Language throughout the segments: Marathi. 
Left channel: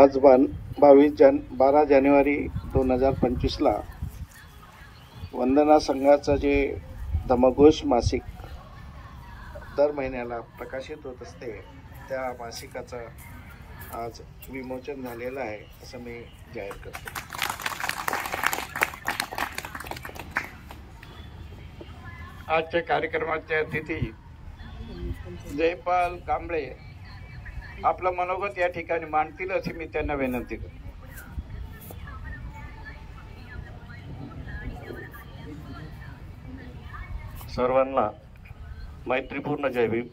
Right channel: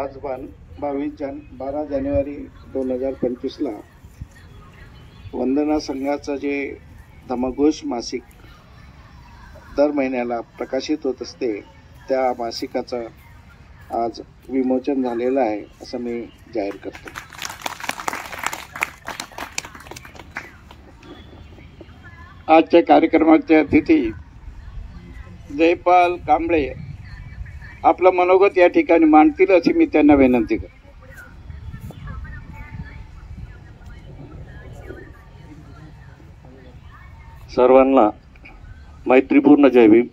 आज 12 जानेवारी 2025ला वंदना संघाचं जे धमघोष मासिक दर महिन्याला प्रकाशित होत असते त्या मासिकाचं आज विमोचन झालेलं आहे असं मी जाहीर करतो। आजच्या कार्यक्रमाचे अतिथी जयपाल कांबळे आपलं मनोगत या ठिकाणी मांडतील अशी मी त्यांना विनंती करतो। सर्वांना मैत्रीपूर्ण जय भीम।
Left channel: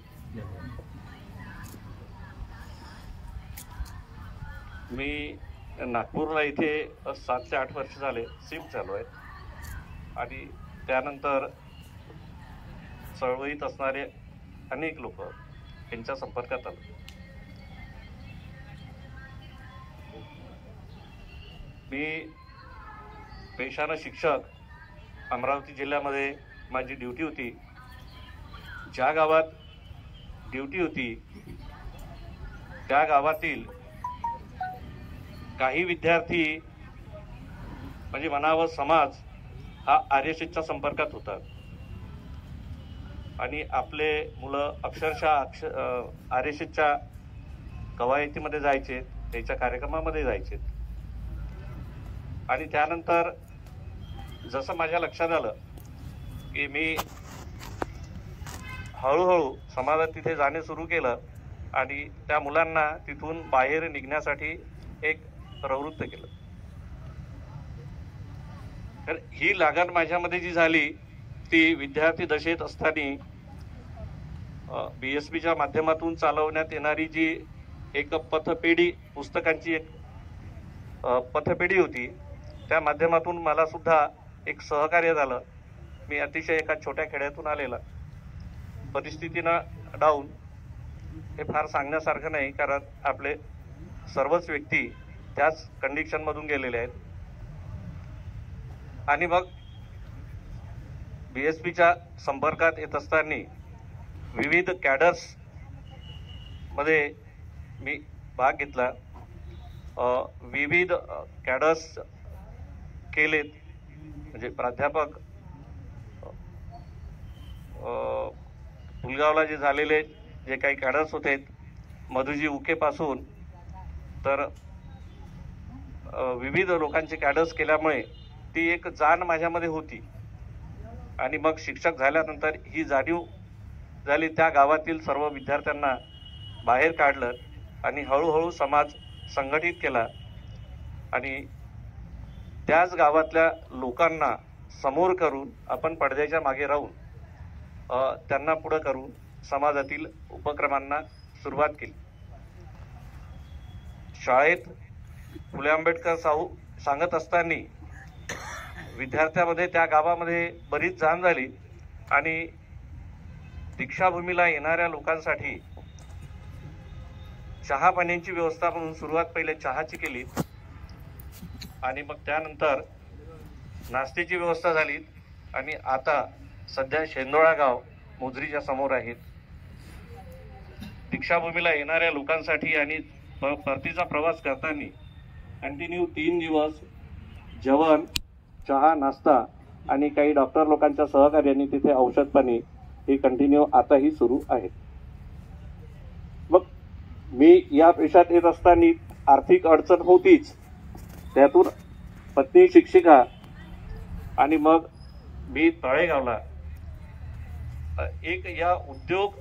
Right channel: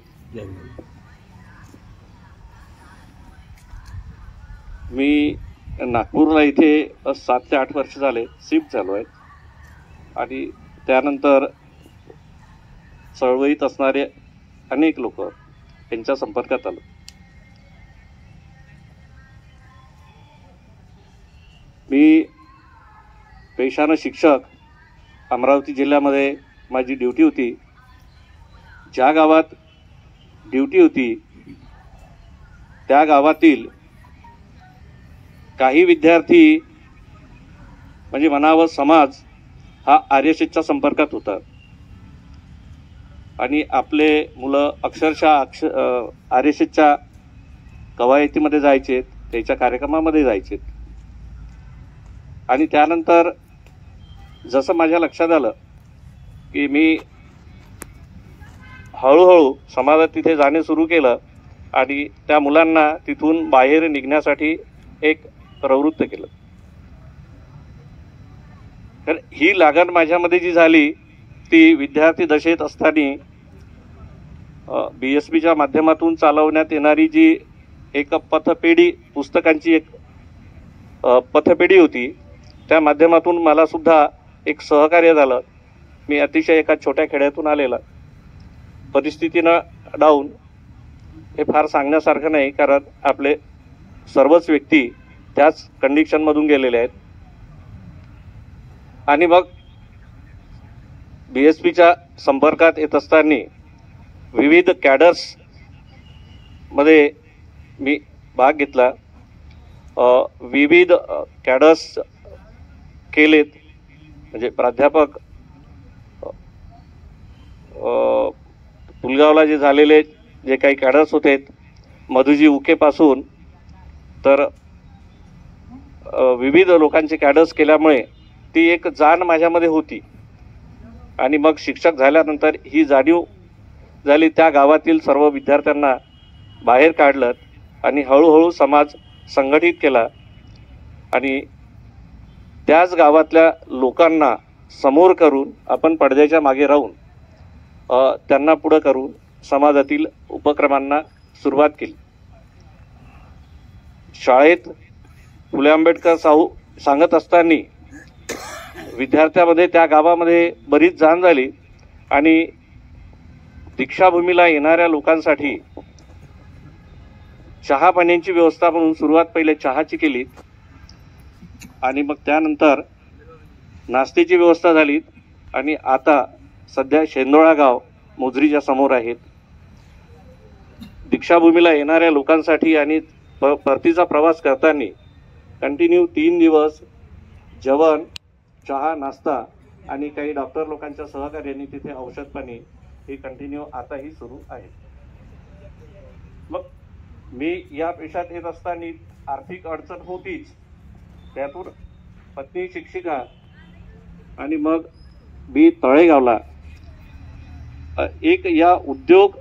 मी नागपूरला इथे 7 ते 8 वर्ष झाले शिफ्ट झालो आहे आणि त्यानंतर चळवळीत असणारे अनेक लोक यांच्या संपर्कात आलो। मी पेशाने शिक्षक, अमरावती जिल्ह्यामध्ये माझी ड्युटी होती। ज्या गावात ड्युटी होती त्या गावातील काही विद्यार्थी म्हणजे म्हणावं समाज हा आर्यशेच्या संपर्कात होता आणि आपले मुलं अक्षरशः आर्यशेच्या कवायतीमध्ये जायचे, त्याच्या कार्यक्रमामध्ये जायचे आणि त्यानंतर जसं माझ्या लक्षात आलं की मी हळूहळू समाजात तिथे जाणे सुरू केलं आणि त्या मुलांना तिथून बाहेर निघण्यासाठी एक प्रवृत्त केलं। तर ही लागण माझ्यामध्ये जी झाली ती विद्यार्थी दशेत असताना BSBच्या माध्यमातून चालवण्यात येणारी जी एक पथपेढी, पुस्तकांची एक पथपेढी होती, त्या माध्यमातून मला सुद्धा एक सहकार्य झालं। मी अतिशय एका छोट्या खेड्यातून आलेला, परिस्थितीनं डाऊन, हे फार सांगण्यासारखं नाही कारण आपले सर्वच व्यक्ती त्याच कंडिशनमधून गेलेले आहेत आणि मग BSBच्या संपर्कात येत असताना विविध कॅडर्स मध्ये मी भाग घेतला। विविध कॅडर्स केलेत, म्हणजे प्राध्यापक पुलगावला जे झालेले जे काही कॅडर्स होते, मधुजी उकेपासून तर विविध लोकांचे कॅडर्स केल्यामुळे ती एक जाण माझ्यामध्ये होती आणि मग शिक्षक झाल्यानंतर ही जाणीव झाली। त्या गावातील सर्व विद्यार्थ्यांना बाहेर काढलं आणि हळूहळू समाज संघटित केला आणि त्याच गावातल्या लोकांना समोर करून आपण पडद्याच्या मागे राहून त्यांना पुढे करून समाजातील उपक्रमांना सुरुवात केली। शाळेत फुले आंबेडकर साहू सांगत असताना विद्यार्थ्यामध्ये त्या गावामध्ये बरीच जाण झाली आणि दीक्षाभूमीला येणाऱ्या लोकांसाठी चहा पाण्याची व्यवस्था म्हणून सुरुवात पहिले चहाची केली आणि मग त्यानंतर नाश्त्याची व्यवस्था झाली आणि आता सध्या शेंदोळा गाव मोजरीच्या समोर आहेत। दीक्षाभूमीला येणाऱ्या लोकांसाठी आणि परतीचा प्रवास करताना कंटिन्यू 3 दिवस जेवण, चहा, नाश्ता आणि काही डॉक्टर लोकांच्या सहकार्याने तिथे औषध पाणी हे कंटिन्यू आताही सुरू आहे। मग मी या पेशात येत असताना आर्थिक अडचण होतीच, त्यातून पत्नी शिक्षिका आणि मग मी तळेगावला एक या उद्योग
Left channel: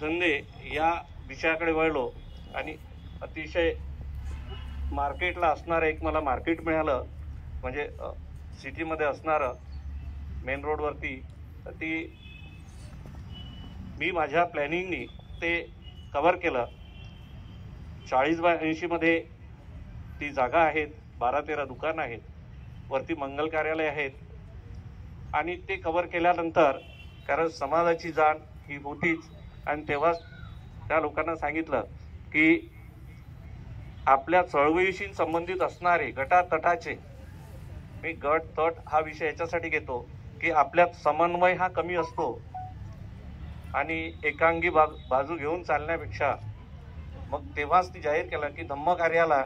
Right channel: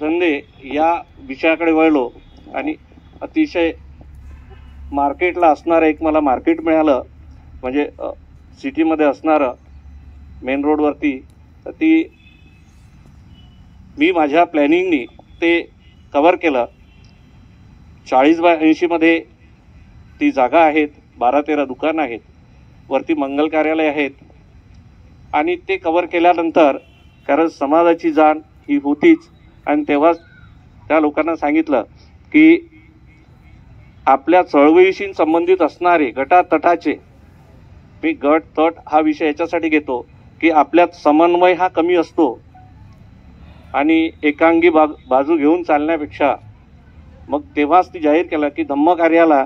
धंदे या विषयाकडे वळलो आणि अतिशय मार्केटला असणारं एक मला मार्केट मिळालं, म्हणजे सिटीमध्ये असणारं मेन रोडवरती. ती मी माझ्या प्लॅनिंगनी ते कव्हर केलं. 40 बाय 80 मध्ये ती जागा आहेत, 12-13 दुकानं आहेत, वरती मंगल कार्यालय आहेत. आणि ते कव्हर केल्यानंतर कारण समाजाची जाण ही होतीच, आणि तेव्हाच त्या लोकांना सांगितलं की आपल्या चळवळीशी संबंधित असणारे गटातटाचे, मी गट तट हा विषय याच्यासाठी घेतो की आपल्यात समन्वय हा कमी असतो आणि एकांगी बाजू घेऊन चालण्यापेक्षा मग तेव्हाच ती जाहीर केलं की धम्म कार्याला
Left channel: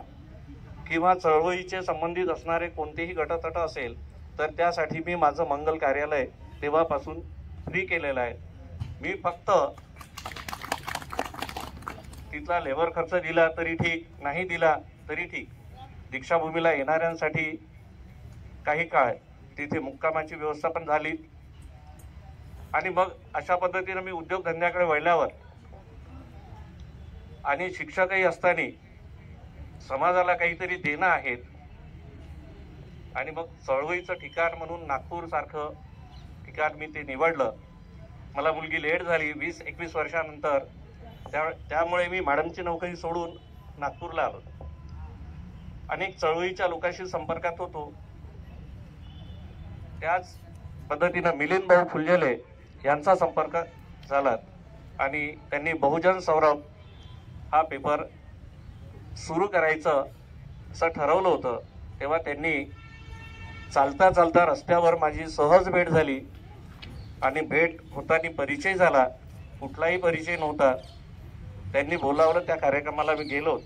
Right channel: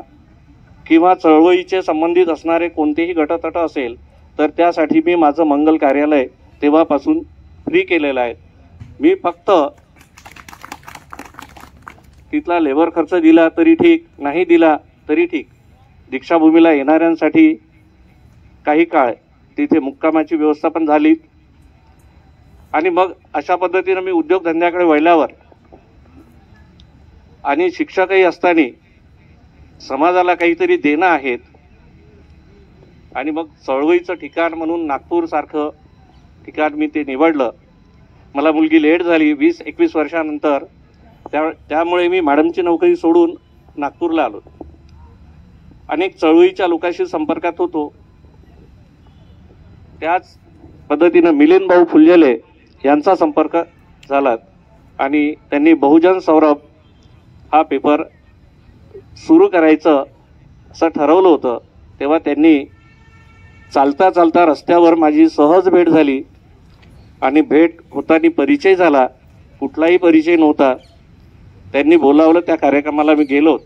किंवा चळवळीचे संबंधित असणारे कोणतेही गटतट असेल तर त्यासाठी मी माझं मंगल कार्यालय तेव्हापासून फ्री केलेलं आहे. मी फक्त तिथला लेबर खर्च दिला तरी ठीक, नाही दिला तरी ठीक. दीक्षाभूमीला येणाऱ्यांसाठी काही काळ तिथे मुक्कामाची व्यवस्था पण झाली. आणि मग अशा पद्धतीने मी उद्योगधंद्याकडे वळल्यावर आणि शिक्षकही असताना समाजाला काहीतरी देणं आहेत, आणि मग चळवळीचं ठिकाण म्हणून नागपूर सारखं ठिकाण मी ते निवडलं. मला मुलगी लेट झाली 20-21 वर्षानंतर, त्यामुळे मी मॅडमची नोकरी सोडून नागपूरला आलो. अनेक चळवळीच्या लोकांशी संपर्कात होतो. त्याच पद्धतीनं मिलिंद भाऊ फुलझेले यांचा संपर्क झाला आणि त्यांनी बहुजन सौरभ हा पेपर सुरू करायचं असं ठरवलं होतं. तेव्हा त्यांनी चालता चालता रस्त्यावर माझी सहज भेट झाली आणि भेट होताना परिचय झाला, कुठलाही परिचय नव्हता. त्यांनी बोलावलं, त्या कार्यक्रमाला मी गेलो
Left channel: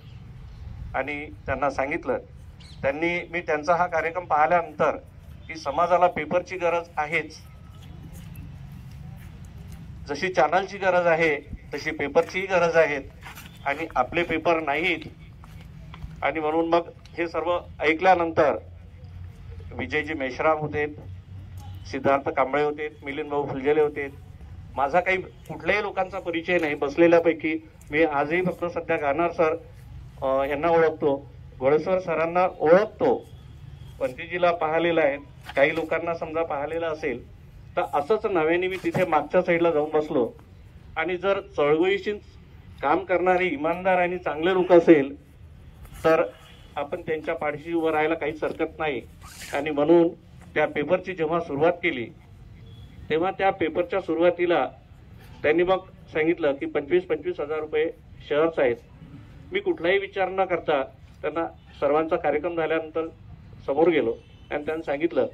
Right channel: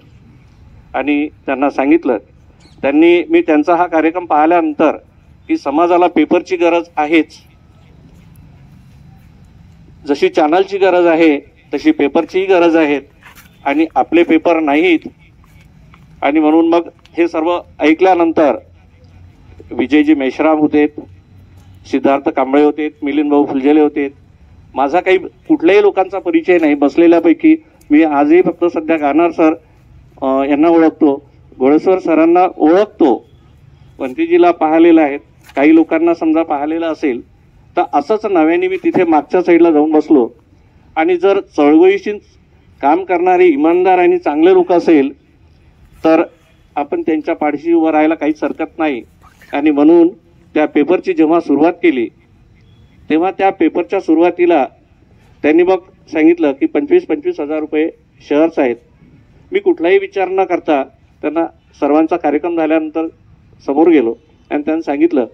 आणि त्यांना सांगितलं. मी त्यांचा हा कार्यक्रम पाहिल्यानंतर की समाजाला पेपरची गरज आहेच, जशी चॅनलची गरज आहे तशी पेपरचीही गरज आहे, आणि आपले पेपर नाहीत. आणि म्हणून मग हे सर्व ऐकल्यानंतर विजयजी मेश्राम होते, सिद्धार्थ कांबळे होते, मिलिंद भाऊ फुलझेले होते. माझा काही कुठल्याही लोकांचा परिचय नाही. बसलेल्यापैकी मी आजही फक्त सध्या गानार सर यांना ओळखतो, घोडेश्वर सरांना ओळखतो, वंतीजीला पाहिलेलं आहे. काही लोकांना समजा पाहिलेलं असेल तर असंच नव्याने मी तिथे मागच्या साईडला जाऊन बसलो. आणि जर चळवळीशी काम करणारे इमानदार आणि चांगले लोक असेल तर आपण त्यांच्या पाठीशी उभं राहायला काहीच हरकत नाही. आणि म्हणून त्या पेपरची जेव्हा सुरुवात केली तेव्हा त्या पेपरच्या सुरुवातीला त्यांनी मग सांगितलं की 25-25 हजार रुपये शेअर्स आहेत. मी कुठलाही विचार न करता त्यांना सर्वांचा कार्यक्रम झाल्यानंतर समोर गेलो आणि त्यांना सांगितलं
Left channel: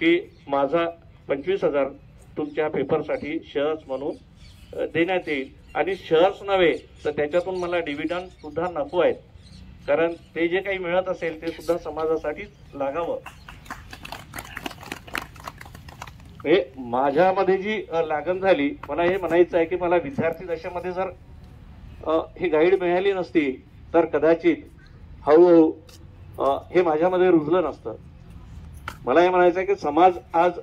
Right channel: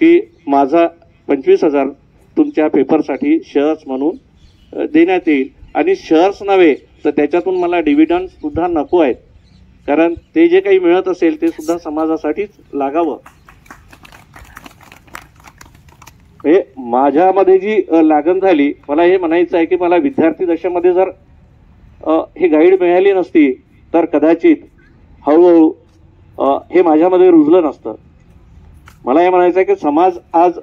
की माझा 25,000 तुमच्या पेपरसाठी शेअर्स म्हणून देण्यात येईल. आणि शेअर्स नव्हे तर त्याच्यातून मला डिव्हिडंड सुद्धा नको आहेत, कारण ते जे काही मिळत असेल ते सुद्धा समाजासाठीच लागावं. हे माझ्यामध्ये जी लागण झाली, मला हे म्हणायचं आहे की मला विद्यार्थी दशेमध्ये जर ही गाईड मिळाली नसती तर कदाचित हळूहळू हे माझ्यामध्ये रुजलं नसतं. मला हे म्हणायचं आहे की समाज आज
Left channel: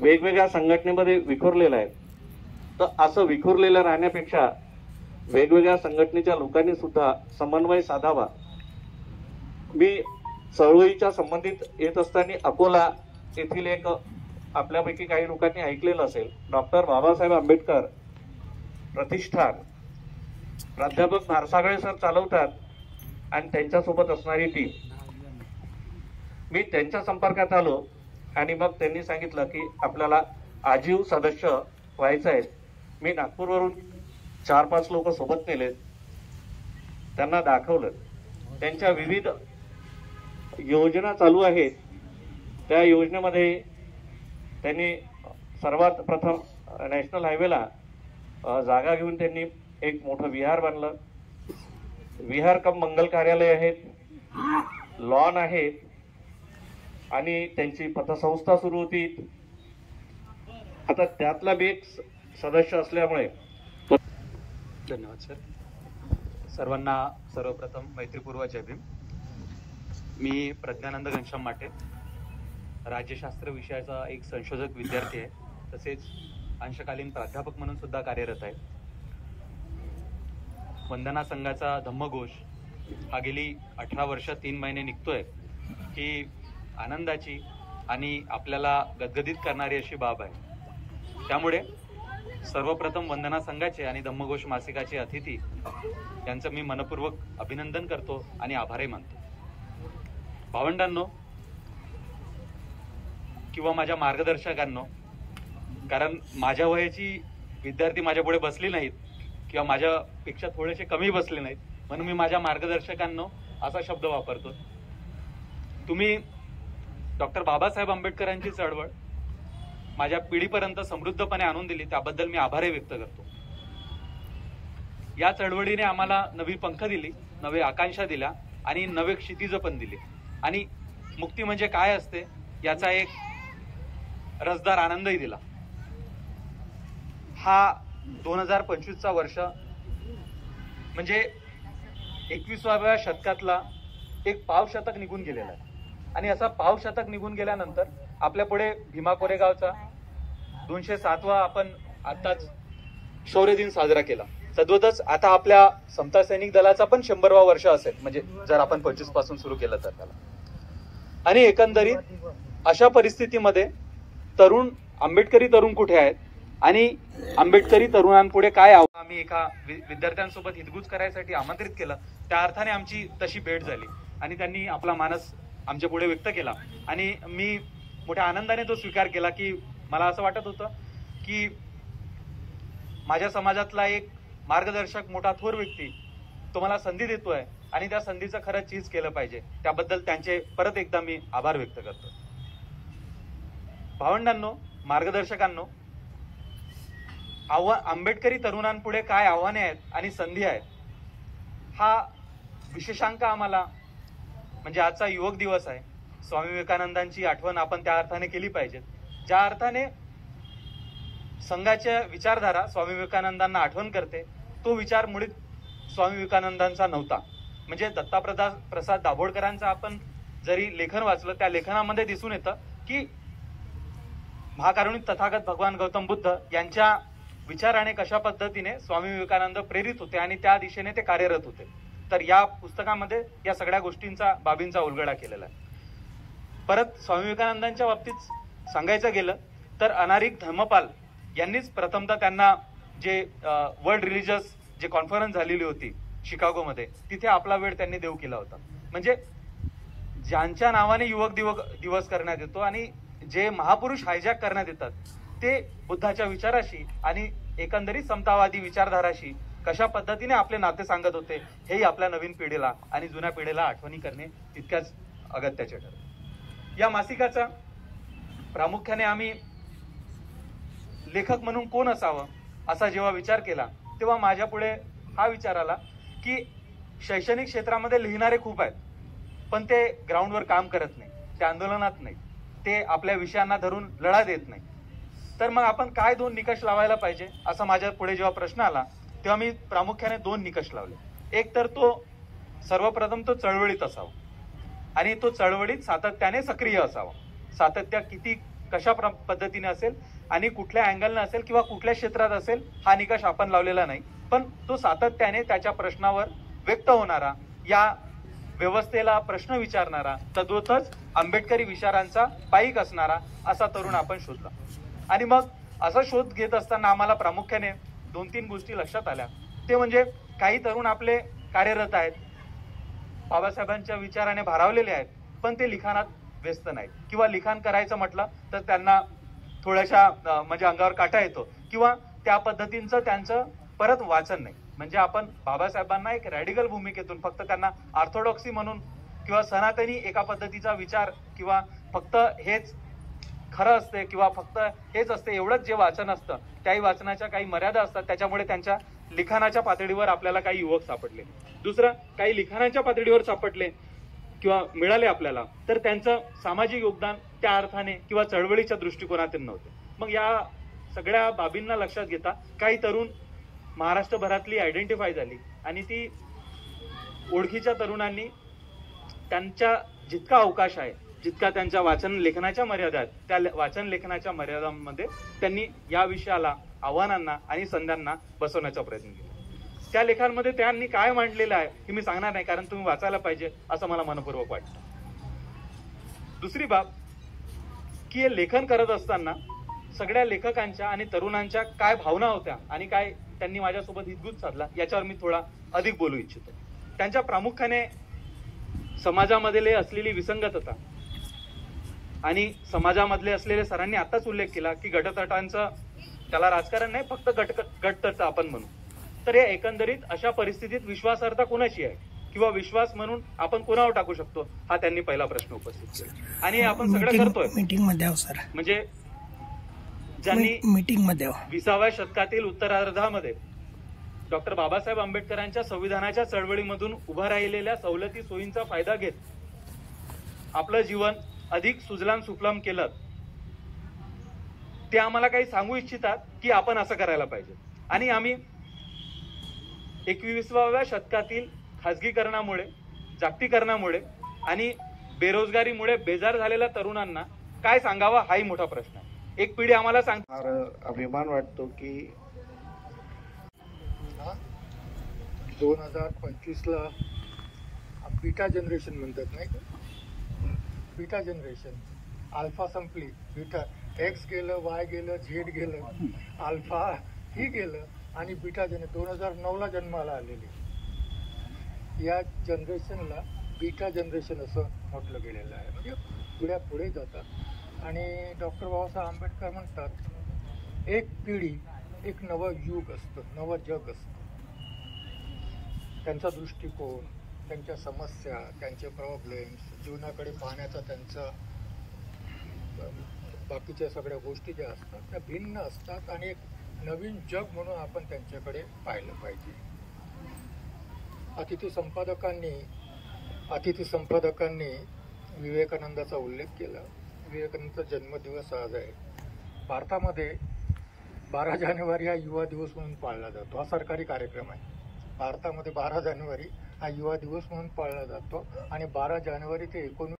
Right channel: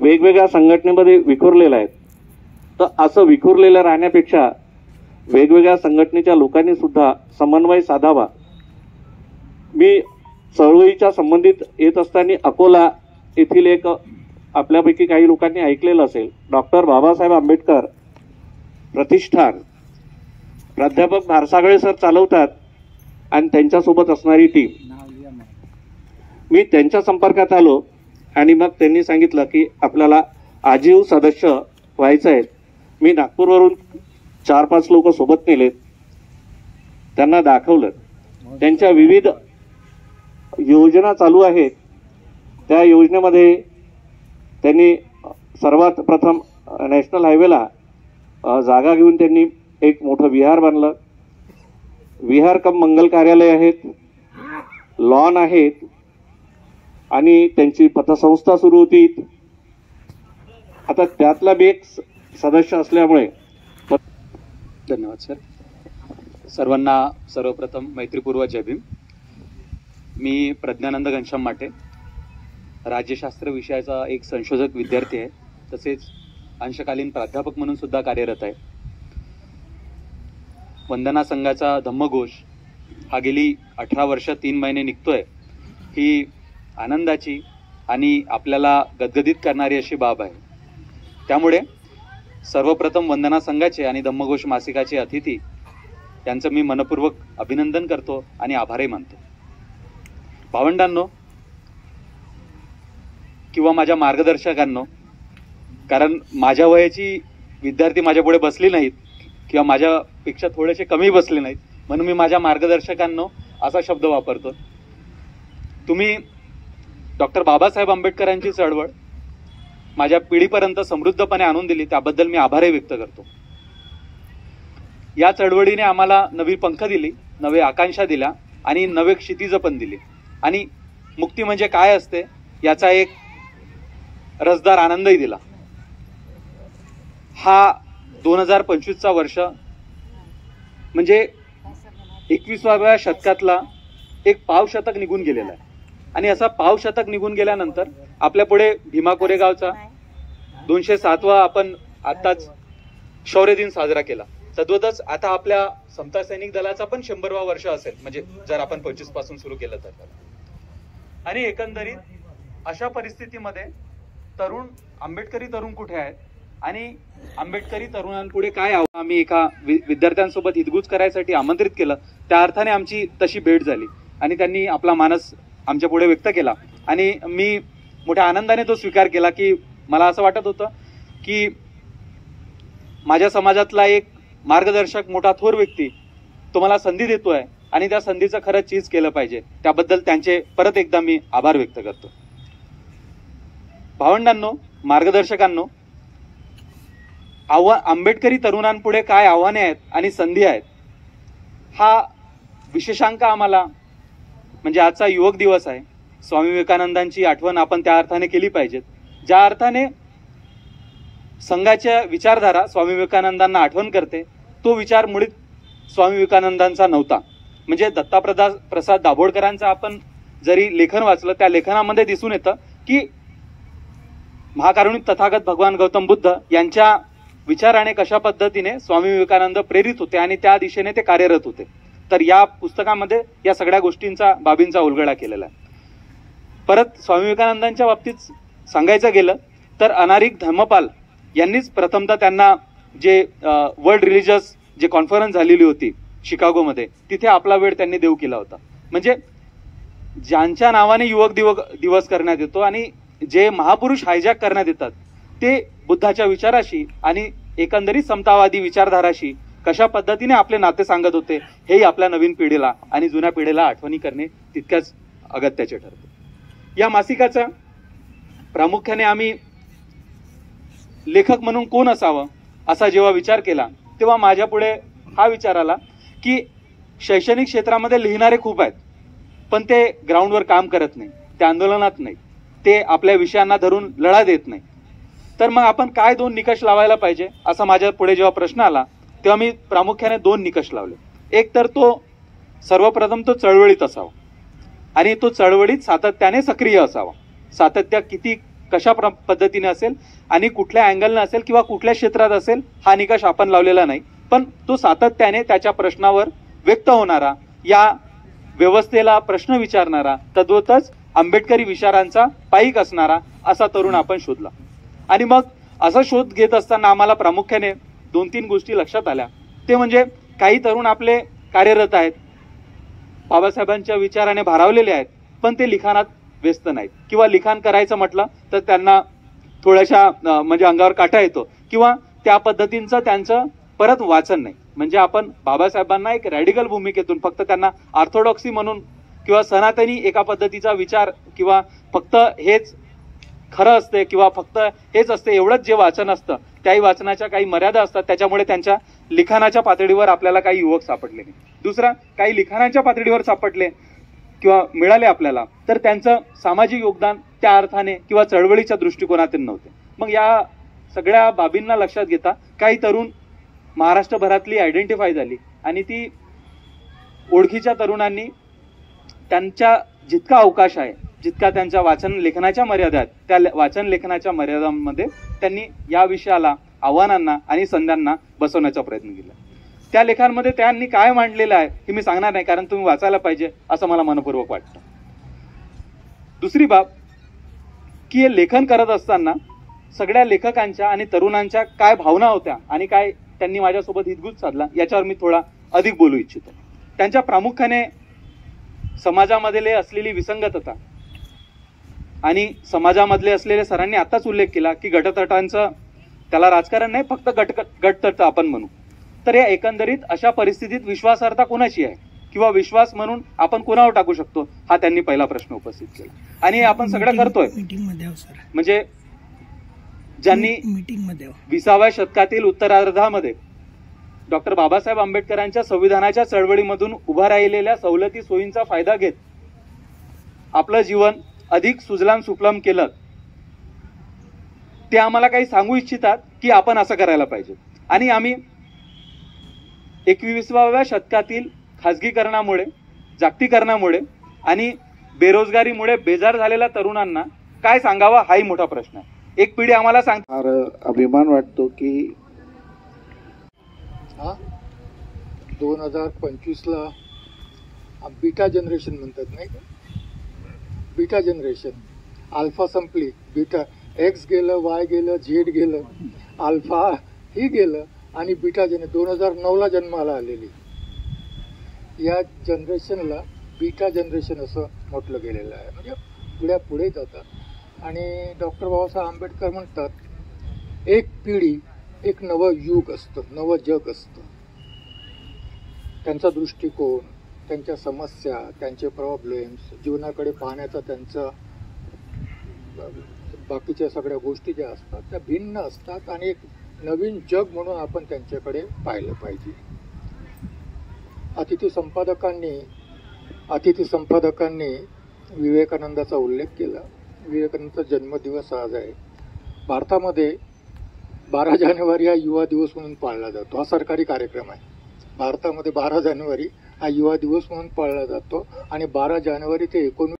वेगवेगळ्या संघटनेमध्ये विखुरलेला आहे, तर असं विखुरलेलं राहण्यापेक्षा वेगवेगळ्या संघटनेच्या लोकांनी सुद्धा समन्वय साधावा. मी चळवळीच्या संबंधित येत असताना अकोला येथील एक आपल्यापैकी काही लोकांनी ऐकलेलं असेल, डॉक्टर बाबासाहेब आंबेडकर प्रतिष्ठान प्राध्यापक भारसागळे सर चालवतात आणि त्यांच्यासोबत असणारी टीम. मी त्यांच्या संपर्कात आलो आणि मग त्यांनी सांगितलं की आपल्याला आजीव सदस्य व्हायचं आहे. मी नागपूरवरून 4-5 लोक सोबत नेलेत, त्यांना दाखवलं. त्यांच्या विविध योजना चालू आहेत. त्या योजनेमध्ये त्यांनी सर्वात प्रथम नॅशनल हायवेला जागा घेऊन त्यांनी एक मोठं विहार बांधलं. विहार कम मंगल कार्यालय आहेत, लॉन आहेत, आणि त्यांची पतसंस्था सुरू होती. आता त्यातला मी एक सदस्य असल्यामुळे. धन्यवाद सर. सर्वांना सर्वप्रथम मैत्रीपूर्वक जय भीम. मी प्रज्ञानंद घनश्याम माटे, राज्यशास्त्र विषयाचा एक संशोधक विद्यार्थी आहे, तसेच अंशकालीन प्राध्यापक म्हणून सुद्धा कार्यरत आहे. वंदना संघाचा धम्मघोष हा गेली 18 वर्ष 3 महिने निघतोय, ही आनंदाची आणि आपल्याला गदगदित करणारी अशी बाब आहे. त्यामुळे सर्वप्रथम वंदना संघाचे आणि धम्मघोष मासिकाचे अतिथी यांचं मी मनपूर्वक अभिनंदन करतो आणि आभारही मानतो. भावंडांनो किंवा माझ्या मार्गदर्शकांनो, कारण माझ्या वयाची विद्यार्थी माझ्यापुढे बसली नाहीत किंवा माझ्यापेक्षा थोडेसे कमी बसले नाहीत, म्हणून मी माझ्या मार्गदर्शकांनो असा शब्द वापरतो. तुम्ही डॉक्टर बाबासाहेब आंबेडकरांची चळवळ माझ्या पिढीपर्यंत समृद्धपणे आणून दिली, त्याबद्दल मी आभारही व्यक्त करतो. या चळवळीने आम्हाला नवी पंख दिली, नवे आकांक्षा दिल्या आणि नवे क्षितिज पण दिली. आणि मुक्ती म्हणजे काय असते याचा एक रसदार आनंदही दिला. हा 2025चा वर्ष म्हणजे 21व्या शतकातला एक पावशतक निघून गेलेला आहे. आणि असा पावशतक निघून गेल्यानंतर आपल्या पुढे भीमा कोरेगावचा 207वा आपण आताच शौर्य दिन साजरा केला. तद्वतच आता आपल्या समता सैनिक दलाचा पण 100वा वर्ष असेल, म्हणजे जर आपण 25 पासून सुरू केलं तर त्याला. आणि एकंदरीत अशा परिस्थितीमध्ये आंबेडकरी तरुण कुठे आहेत आणि आंबेडकरी तरुणांपुढे काय आव्हान, आम्ही एका विद्यार्थ्यांसोबत हितगुज करायसाठी आमंत्रित केलं. त्या अर्थाने आमची तशी भेट झाली आणि त्यांनी आपला मानस आमच्या पुढे व्यक्त केला आणि मी मोठ्या आनंदाने तो स्वीकार केला की मला असं वाटत होतं की माझ्या समाजातला एक मार्गदर्शक, मोठा थोर व्यक्ती तो मला संधी देतोय आणि त्या संधीचं खरंच चीज केलं पाहिजे. त्याबद्दल त्यांचे परत एकदा मी आभार व्यक्त करतो. भावंडांनो, मार्गदर्शकांनो, आंबेडकरी तरुणांपुढे काय आव्हाने आहेत आणि संधी आहेत हा विशेषांक आम्हाला, म्हणजे आजचा युवक दिवस आहे, स्वामी विवेकानंदांची आठवण आपण त्या अर्थाने केली पाहिजे. ज्या अर्थाने संघाच्या विचारधारा स्वामी विवेकानंदांना आठवण करते, तो विचार मुळीच स्वामी विवेकानंदांचा नव्हता. म्हणजे दत्ताप्रसाद दाभोळकरांचं आपण जरी लेखन वाचलं, त्या लेखनामध्ये दिसून येतं की महाकारुणिक तथागत भगवान गौतम बुद्ध यांच्या विचाराने कशा पद्धतीने स्वामी विवेकानंद प्रेरित होते आणि त्या दिशेने ते कार्यरत होते. तर या पुस्तकामध्ये या सगळ्या बाबींचा उलगडा केलेला आहे. परत स्वामी विवेकानंदांच्या बाबतीत सांगायचं गेलं तर अनारिक धर्मपाल यांनीच प्रथमतः त्यांना जे वर्ल्ड रिलिजियस जे कॉन्फरन्स झालेली होती शिकागोमध्ये, तिथे आपला वेळ त्यांनी देऊ केला होता. म्हणजे ज्यांच्या नावाने युवक दिवस करण्यात येतो आणि जे महापुरुष हायजॅक करण्यात येतात ते बुद्धाच्या विचाराशी आणि एकंदरीत समतावादी विचारधाराशी कशा पद्धतीने आपले नाते सांगत होते हेही आपल्या नवीन पिढीला आणि जुन्या पिढीला आठवणी करणे तितक्याच अगत्याचे ठरते. या मासिकाचा प्रामुख्याने आम्ही लेखक म्हणून कोण असावं असा जेव्हा विचार केला तेव्हा माझ्या पुढे हा विचार आला की शैक्षणिक क्षेत्रामध्ये लिहिणारे खूप आहेत, पण ते ग्राउंडवर काम करत नाही, ते आंदोलनात नाही, ते आपल्या विषयांना धरून लढा देत नाही. तर मग आपण काय 2 निकष लावायला पाहिजे असा माझ्या पुढे जेव्हा प्रश्न आला तेव्हा मी प्रामुख्याने 2 निकष लावले. एक तर तो सर्वप्रथम तो चळवळीत असावा आणि तो चळवळीत सातत्याने सक्रिय असावा. सातत्य किती कशा पद्धतीने असेल आणि कुठल्या अँगलने असेल किंवा कुठल्या क्षेत्रात असेल हा निकष आपण लावलेला नाही, पण तो सातत्याने त्याच्या प्रश्नावर व्यक्त होणारा, या व्यवस्थेला प्रश्न विचारणारा, तद्वतच आंबेडकरी विचारांचा पाईक असणारा असा तरुण आपण शोधला. आणि मग असा शोध घेत असताना आम्हाला प्रामुख्याने 2-3 गोष्टी लक्षात आल्या. ते म्हणजे काही तरुण आपले कार्यरत आहेत, बाबासाहेबांच्या विचाराने भारावलेले आहेत, पण ते लिखाणात व्यस्त नाहीत किंवा लिखाण करायचं म्हटलं तर त्यांना थोड्याशा म्हणजे अंगावर काटा येतो किंवा त्या पद्धतींचं त्यांचं परत वाचन नाही. म्हणजे आपण बाबासाहेबांना एक रॅडिकल भूमिकेतून फक्त त्यांना ऑर्थोडॉक्सी म्हणून किंवा सनातनी एका पद्धतीचा विचार किंवा फक्त हेच खरं असते किंवा फक्त हेच असते एवढंच जे वाचन असतं त्याही वाचनाच्या काही मर्यादा असतात. त्याच्यामुळे त्यांच्या लिखाणाच्या पातळीवर आपल्याला काही युवक सापडले नाही. दुसरा, काही लिखाणाच्या पातळीवर सापडले किंवा मिळाले आपल्याला तर त्यांचं सामाजिक योगदान त्या अर्थाने किंवा चळवळीच्या दृष्टिकोनातून नव्हते. मग या सगळ्या बाबींना लक्षात घेता काही तरुण महाराष्ट्रभरातली आयडेंटिफाय झाली आणि ती ओळखीच्या तरुणांनी त्यांच्या जितका अवकाश आहे जितका त्यांच्या वाचन लेखनाच्या मर्यादा आहेत त्या वाचन लेखनाच्या मर्यादांमध्ये त्यांनी या विषयाला, आव्हानांना आणि संध्यांना बसवण्याचा प्रयत्न केला. त्या लेखांमध्ये त्यांनी काय मांडलेलं आहे हे मी सांगणार नाही, कारण तुम्ही वाचायला पाहिजे असं मला मनपूर्वक वाटतं. दुसरी बाब की हे लेखन करत असताना सगळ्या लेखकांच्या आणि तरुणांच्या काय भावना होत्या आणि काय त्यांनी माझ्यासोबत हितगुज साधला याच्यावर मी थोडा अधिक बोलू इच्छितो. त्यांच्या प्रामुख्याने समाजामधले असलेली विसंगतता आणि समाजामधले असलेले, सरांनी आताच उल्लेख केला की गटतटांचं, त्याला राजकारण नाही, फक्त गटतट आपण म्हणू. तर या एकंदरीत अशा परिस्थितीत विश्वासार्हता कोणाची आहे किंवा विश्वास म्हणून आपण कोणावर टाकू शकतो हा त्यांनी पहिला प्रश्न उपस्थित केला. आणि आपण सगळं करतोय मीटिंग मध्ये सर, म्हणजे ज्यांनी मीटिंग मध्ये 20व्या शतकातील उत्तरार्धामध्ये डॉक्टर बाबासाहेब आंबेडकरांच्या संविधानाच्या चळवळीमधून उभा राहिलेल्या सवलती सोयींचा फायदा घेत आपलं जीवन अधिक सुजलाम सुफलाम केलं, ते आम्हाला काही सांगू इच्छितात की आपण असं करायला पाहिजे. आणि आम्ही 21व्या शतकातील खाजगीकरणामुळे, जागतिकीकरणामुळे आणि बेरोजगारीमुळे बेजार झालेल्या तरुणांना काय सांगावा हाही मोठा प्रश्न आहे. एक पिढी आम्हाला फार अभिमान वाटतो की 2025ला बीटा जनरेशन म्हणतात, नाही का? बीटा जनरेशन, अल्फा संपली, बीटा एक्स गेलं, वाय गेलं, झेड गेलं, अल्फा ही गेलं आणि बीटा 2009ला जन्माला आलेली या जनरेशनला बीटा जनरेशन असं म्हटलं गेलेलं आहे. म्हणजे पिढ्या पुढे जातात. आणि डॉक्टर बाबासाहेब आंबेडकर म्हणतात एक पिढी एक नवं युग असतं, नवं जग असतं. त्यांचा दृष्टिकोन, त्यांच्या समस्या, त्यांचे प्रॉब्लेम्स, जीवनाकडे पाहण्याचा त्यांचा बाकीच्या सगळ्या गोष्टी ज्या असतात त्या भिन्न असतात आणि एक नवीन जग म्हणून आपण त्यांच्याकडे पाहिलं पाहिजे. अतिथी संपादकांनी विवेकानंदाचा उल्लेख केला. विवेकानंदाचा जन्मदिवस आज आहे. भारतामध्ये 12 जानेवारी हा युवा दिवस म्हणून पाळला जातो. हा सरकारी कार्यक्रम आहे. भारतामध्ये 12 जानेवारी हा युवा दिवस म्हणून पाळला जातो आणि 12 जानेवारी ते 19